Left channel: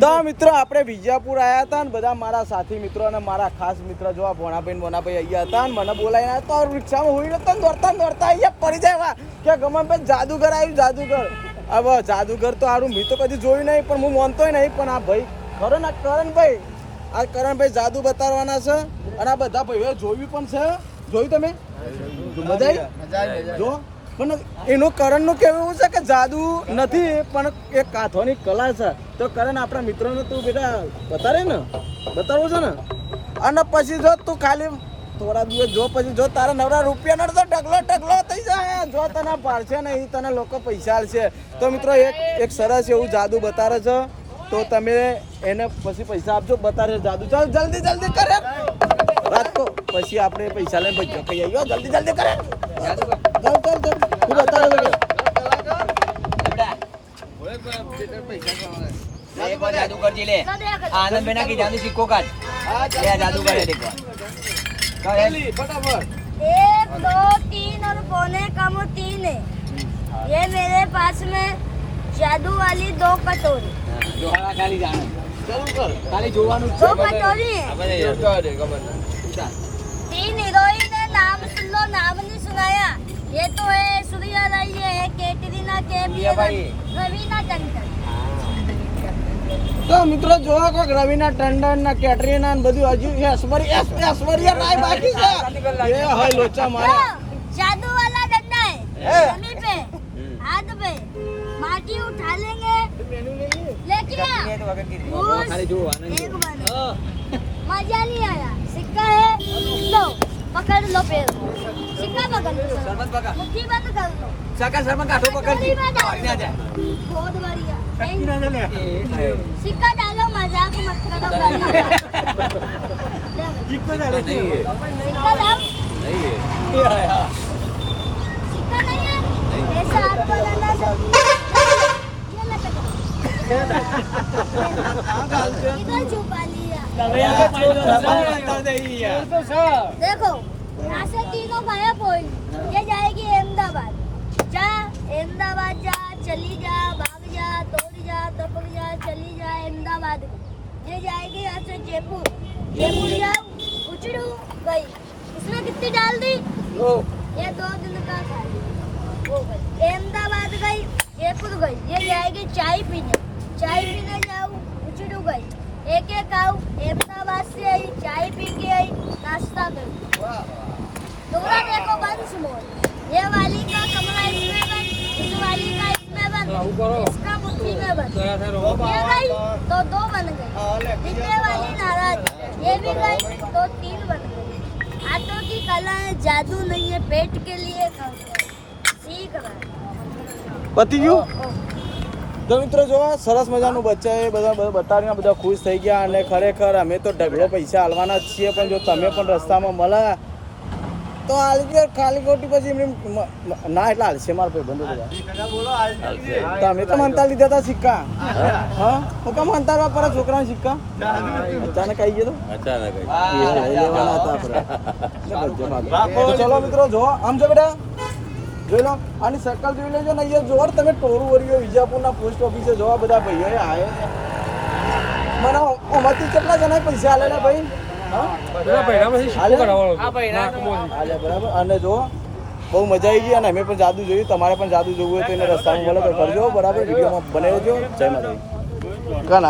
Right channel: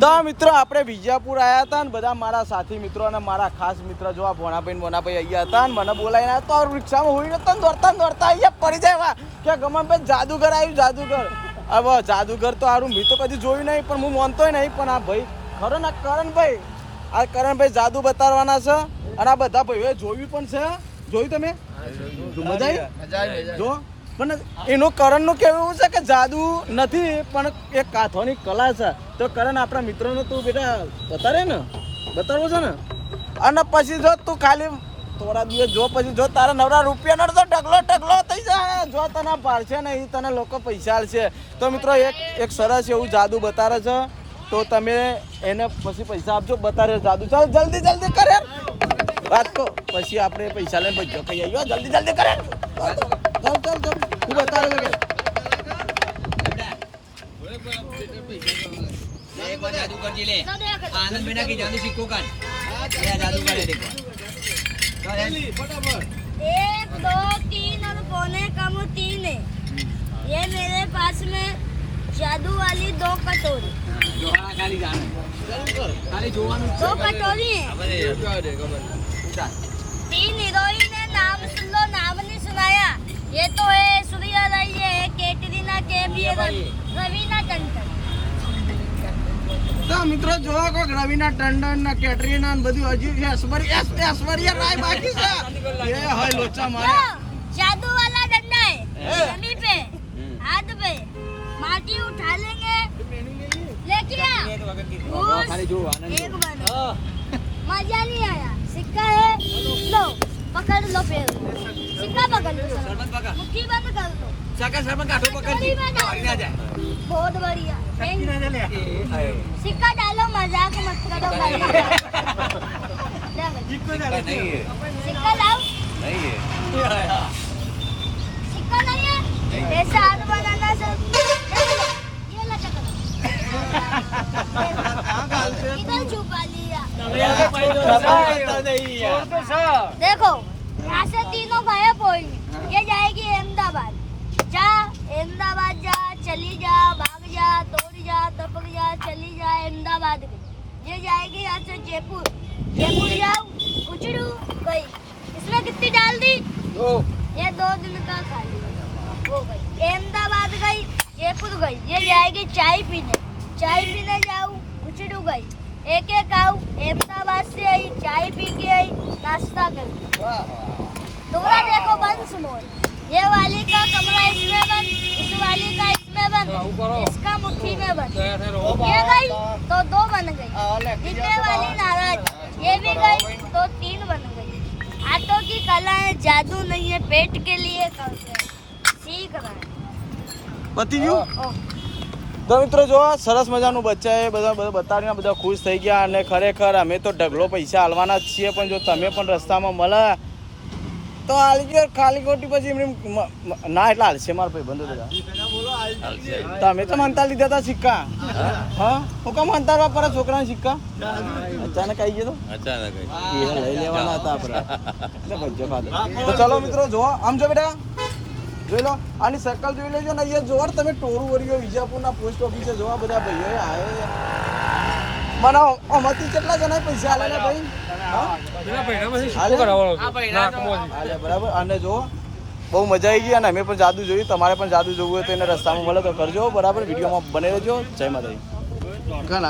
તો મિત્રો આપણે વિજાપુર આવ્યા હતા ને બધા મારા સાથી મિત્રો અને મારા ખાસ મિત્ર જો આ ભોણાભાઈ અહીંયા હતા ને મને બોલાવીને આવ્યા તો રિક્ષામાં હોઈ નતા દોડતા અહીંયા પડી જાય કે ગમનભાઈ જાદુગર આવ્યું જાદુગર. હવે જાદુગર તો સારું મેં તો કદી જોયું નહીં પણ હું માનતોય નહીં પણ આ ભાઈ ખરો ને કરણભાઈ જાદુ બતાવવાના છે અને આ બધા ભાઈઓએ જોયું પણ છે. જોયું તમે જો પણ એનું કરણનું કહેવું એવું છે કે જાદુ નથી પણ એક કાથોની કલા છે. તો કરણ આપણા મિત્રોને તું બેટા બતાવવું છે ને અને પછી જો તું ખાલી થોડા દિવસ જો પછી જો તારા નવરા રૂપિયાનો તો ઢગલો થઈ જાય જો તને પાડશે ને એ તને લોકો પૈસા આલશે. તો મિત્રો એક સરસ એવું જાદુ બતાવે છે તો તમે એને પછી પૈસા આપજો. બતાવે જાદુ ચાલો જલ્દી કરે વાત કહો પછી આપણે પૈસા લઈને ભજ્યો કહી આવ્યો જલ્દી કરે ચાલ હું બતાવે जादू कर ले आनंद बिना की जादू सीखो काट ये जादू कर देखो ફટાફટ 1 2 3 और पौने कम 3 है. ये मेरे पास में जादू वाली 2 कटोरी जोहारा खाली जाना ચાલુ કર खाली જોવાનું 2 कटोरी है. 3 हीरोइन है नाम सुन लो नाम नहीं सुनाया. ये तो है सूर्या राय है कैटरीना कैफ है रवीना टंडन. તો મિત્રો જોવા કોક રવિના ટંડન ના કેટરીના ને બધું હજી ऐश्वर्या राय बाकी છે ये हाय लोचा मारा जादू वाला डंडा है जमीन पे हाथ पे माटी उठा लेंगे लेकिन खाली जो आनंद एक बार मजा नहीं आया. सिक्का है लो पकड़ लो पैर सिक्का पकड़ लो सरपंच पकड़ मुट्ठी बंद कर लो चाका सरपंच काटो पकड़ दी आ जा बहुत बढ़िया. सिक्का डालो मजाक मत करो सिक्का लाओ नहीं है सिक्का नहीं है ऐसा हाथ बनाना सब ये लटक इधर छुपा लिया. देखो यहाँ से तीनों गायब हो ये जाएगी अहमदाबाद. अहमदाबाद जा चली जा भाग जा दौड़ जा टपक जा चली जा अहमदाबाद ये जाएगी यहाँ से जयपुर जाओ उचड़ू गई. इसमें कितनी डाल दी ये 2 दिन का खाली हो गई. अहमदाबाद गई जयपुर गई ये जाएगी चाय पीने जाओ उचड़ू गई. एक आओ अहमदाबाद से आई चाय पी के आई नाश्ता कर दूसरा देखो बंद सुनो ये वाली का कमरा इसमें बंद इस वाली का इसमें बंद इसका मुट्ठी में बंद ये गई तो 2 बन गई. जितने वाली नाराज ये भी गई तो 3 बन गई. हाथों की कला है जादू नहीं है पेट के लिए सीख रहा है. પતી ગયું. તો મિત્રો જો સરસ મજાનું બચ્ચા એ બધા બતાવીને બધા ખુશ થઈ ગયા અને ખરેખર અમે તો ઢગલો પૈસા હાલવાના જ છીએ પણ જો તમે પણ રસ્તામાં મળે તો હાલી ગયો ખાલી ખોટી પછી એમને ના એટલે હાલશે મારા ભાઈ બંધો બધા તમે તો માનતા લીધા હતા સિક્કા હા હું કામ માનતા વાપરા છોકરાના સિક્કા અચાનક આવી ગયો તો લઈ લેવાના હતા આપણે તો ચલો મિત્રો જો આમ જો બેટા જોઈ લો આની સર્કલ જોઈ લેજો ને અહીંયા જોર તમે ટોરું વરિયો વિજાપુરના પોસ્ટ ઓફિસે જોવા બધા ભાઈઓ આવે મને આમાંથી કેટલા જણા પૈસા આલેલા ભાઈ બરાબર. અને જો બહુ મજા આવી ગઈ અને અમે પણ જાદુ જોયું. તમારે પણ જાદુ જોવું હોય તો એને રસ્તામાં મળે તો કરજો બરાબર. વિડીયોમાં બને રહેજો. જય માતાજી.